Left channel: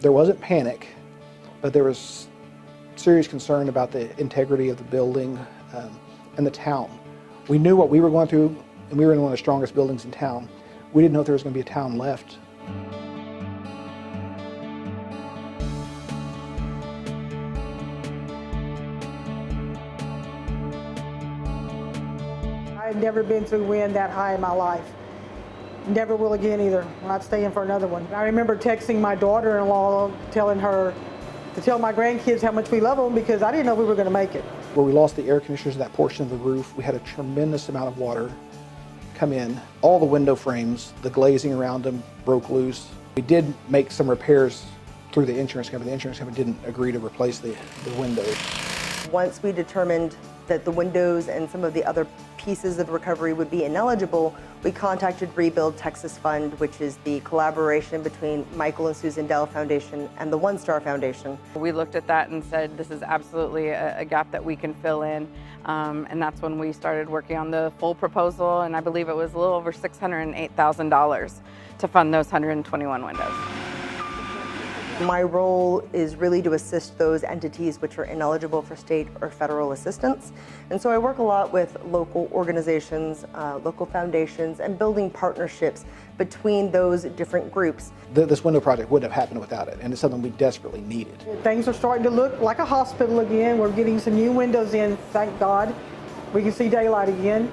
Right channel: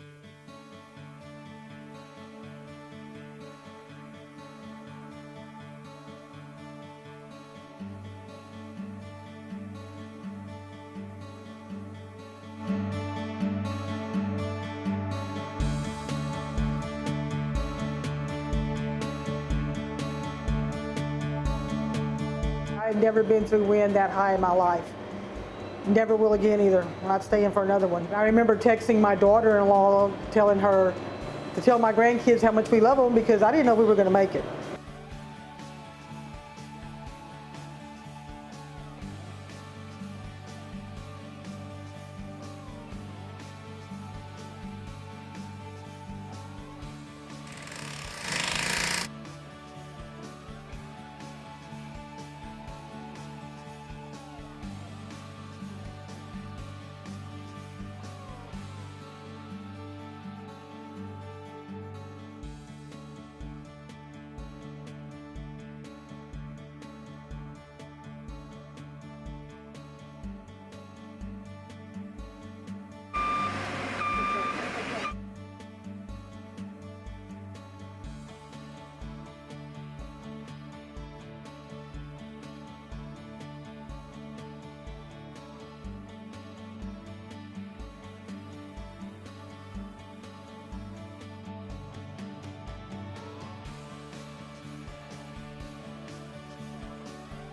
There wasn't panic, but there was serious concern about the integrity of the building and the town. We knew what we were going through, and we were in one of the strongest buildings in town. We didn't know if there was going to be a town left. I've never been through wind that high in my life. Never will again either. I'm not staying for another one. I remember texting my daughter-in-law, telling her to tell my grandkids how much we love them because I didn't know we were going to make it. Where we lost the air conditioners in that portion of the roof, we had a tremendous amount of water come in. All the window frames, the glazing around them broke loose. We did make some repairs through the insurance company. The insurance company didn't agree to replace the windows. Once we determined that the windows and some of the other pieces of recovery would be ineligible, we contacted Rebuild Texas Fund, which is the collaboration between Michael and Susan Dell Foundation and the One Star Foundation. We looked at that and said, this is absolutely a gap that we can fill in. And that's when we started working on the full proposal, and I believe it was a little over $608,000 to fund those 121 windows. My role is really to assist those entities which are ineligible for state or federal assistance. And so I work a lot with local organizations, local foundations, and building partnerships between those different groups. This window project wouldn't have happened without it, and it's something we desperately needed. Things are starting to look like a hospital again. We're getting some new windows in, thank God. We can see daylight again.